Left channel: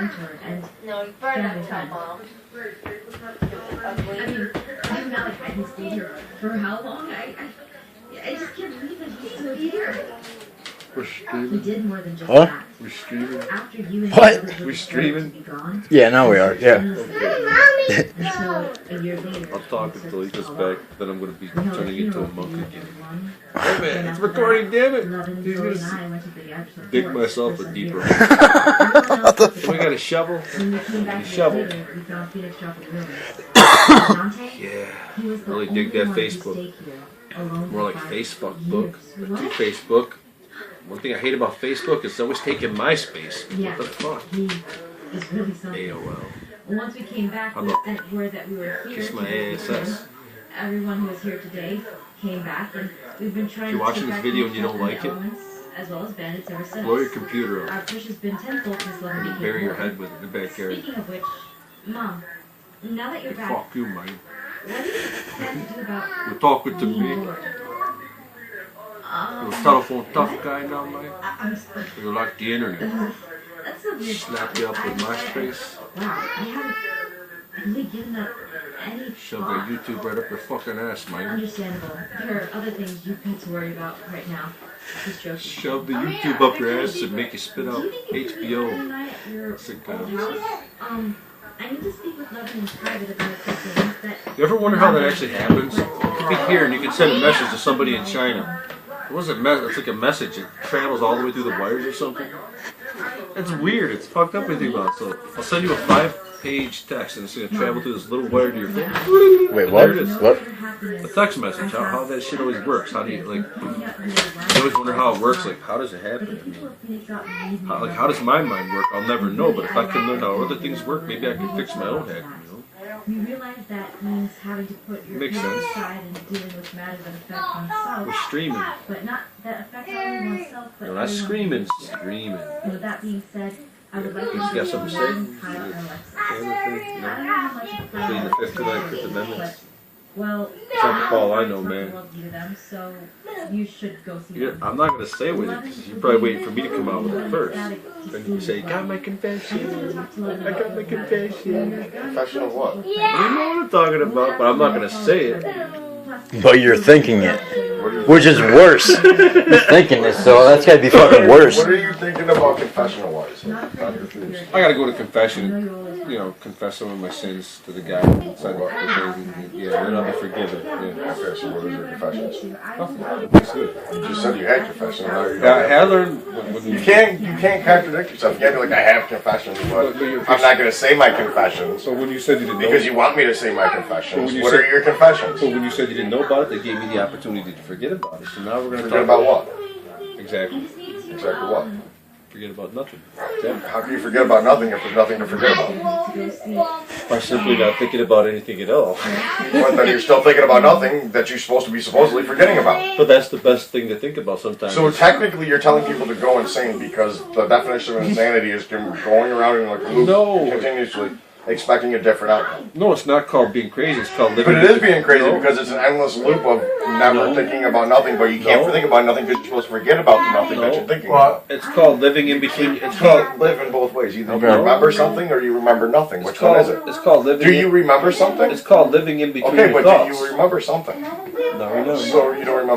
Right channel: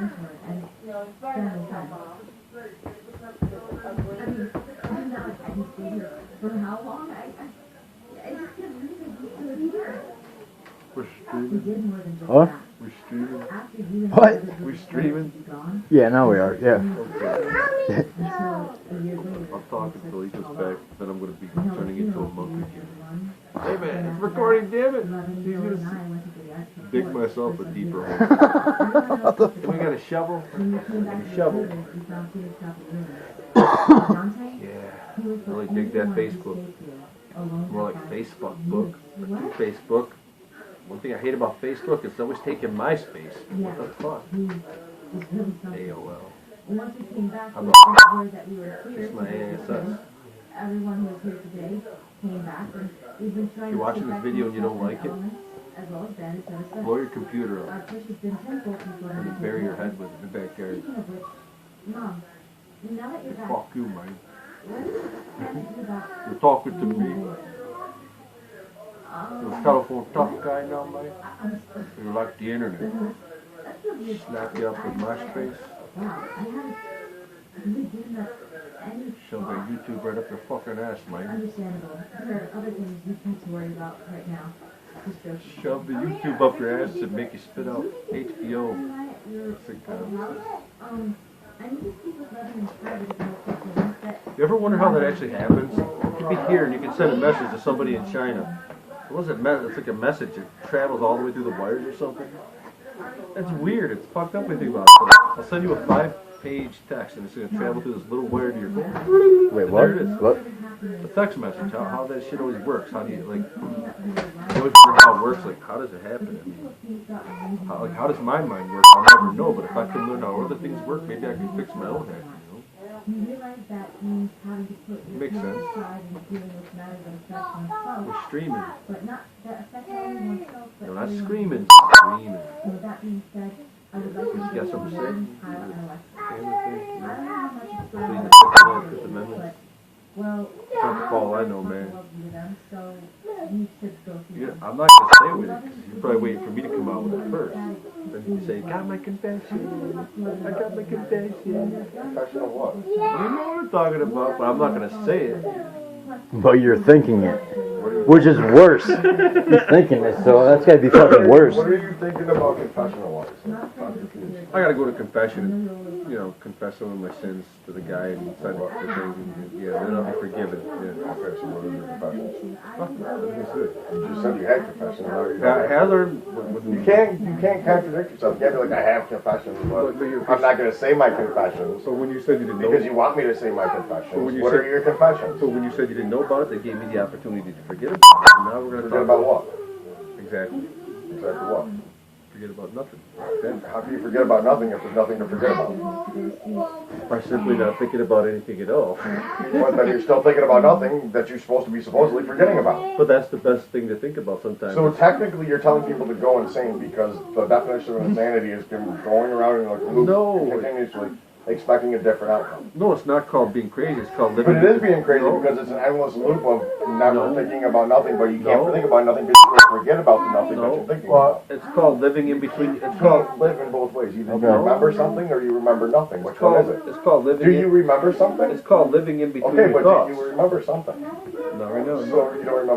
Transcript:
introvert and family friend. I mean, I'm not like I can stay here for how long? I just can't believe that he's still here. We're He streaming. did more than just Huh? that. We're streaming. After you and What? your brother We decided streaming? to be gone, Yeah, now we are. Yeah. until a year later, I'll talk until he gets back. Then I'm gonna be we held turning a into a funeral monk for you again. one. Hey man, And it's after recording, damn it! Levin, He's Joey, and gonna I went to the actual dig forest myself for a some deeper beer. hole. Everyone else was We got a shovel. When we came back The to shovel. the theater, we found Phoenix dropping ruins. Dante, Yeah. he was the Really only dig that one to Facebook. stay here, alone More for like 5 Facebook years. book. What? To Facebook. One thing I hate about Facebook is it's always taking my space. Yeah. What the fuck? He is really something. AOL. Once we came back, How we about sent word that we were here. kiss my to visit him. ASS? Everyone who was here today came back, and we've been trying If you're to watching take this back video and you don't control of like the it, elements, as well as bandits ever since. blow your computer up. Our push has been tenfold since Levin And became bury your born. head with it in the backyard. Speaking of which, Mom, now that you're back, Fuck you, man. what do you plan to do about You're talking to being me. bored? You're a telephone tough guy now, man. I'm sorry. You like the internet. That's a weird Snap thought. you up with I- MySpace. Wow, I haven't really given that any Shove thought. that YouTube right up your fucking ass, man. Understandable. There are other things you've got to worry about right now. Just joking. Shove the YouTube up your ass and make you spit out HBO sitcoms. I need to speak with Levin in private about something that. You ever wonder how that actually happens? You could be here and you can send a message to somebody in China. What was it? It's like a message. It travels all the way through the wires or something. It's weird. It's fucked up when you think about it. So I'll send you a 5-page text and it's going to travel through this little wire to your phone. Wait, And what? there it is. What? A text message. How that shit always works. How do you, like, I always wonder how it works. Like, how does it happen? I mean, how does my mind work? I'll never know. But if I can learn how other things work, maybe I can fix my own head, you know? We realize that means having to put your Makes feelings sense. aside and dealing with matters that affect We're oneself, streaming. but not that affect only oneself, but No, not everyone. screaming. Screaming. With that being said, I would like You to got give something to say? Levin, Kyle, and Alexis. Anything? I don't No? know how much of a Pleading plan the this Fifth is, Fifth Amendment. but, well, Trump Paul, I know, man. love you to them, so you should go see Yeah, them. I'm not gonna say with it because you're probably waiting for me to come out with it first. Then you say, got my confession. I got my confession. Confession of what? You know what I'm talking about, but I'm not gonna say it. But you're thinking it, What are you, which is worse. You're thinking it, so that's gotta be fucking worse. what are you thinking about confessional wise? I'm confused. I gotta go to confession. You know, confess some of my sins to the guy inside the thing. And, yeah, then I'll be forgiven. Yeah. Okay, so what is your confession? Nothing. It's good. You just said you had confession. Now you Yeah, I learned when You can't contradict yourself. You can't be like, I have confessions, but I'm not gonna say my confessions So when you said you didn't know, because you want me to say my But confessions. when you What said- are your confessions? so when you said you didn't know about it, they gave me the opportunity to forget about it. So now we're gonna Forget talk about what? Exactly. Exactly what? Forget about nothing. Exactly. How can you forget about nothing if there's nothing to forget about? By simply not thinking about anything at all. But then you're still thinking about nothing that you're supposed to be supposedly forgetting about. But that's the best thing to think about sometimes. So technically, you're telling people to go insane because the definition of insanity is going around in like a loop No. continuously, expecting a different outcome. No, it's not called being crazy. It's called living. But it is being crazy No. because it's an endless loop of never No. thinking about nothing. But you can't No. think about nothing because you're supposed to forget about the nothing that No. you're thinking about. It's called living in between. It's It's called. called live in both ways. Either you Okay. remember something or you remember nothing. Which It's one called. is it? It's called living. Do you remember something? It's called living in between Okay, your but do thoughts. you remember something? No, we know. So you don't remember.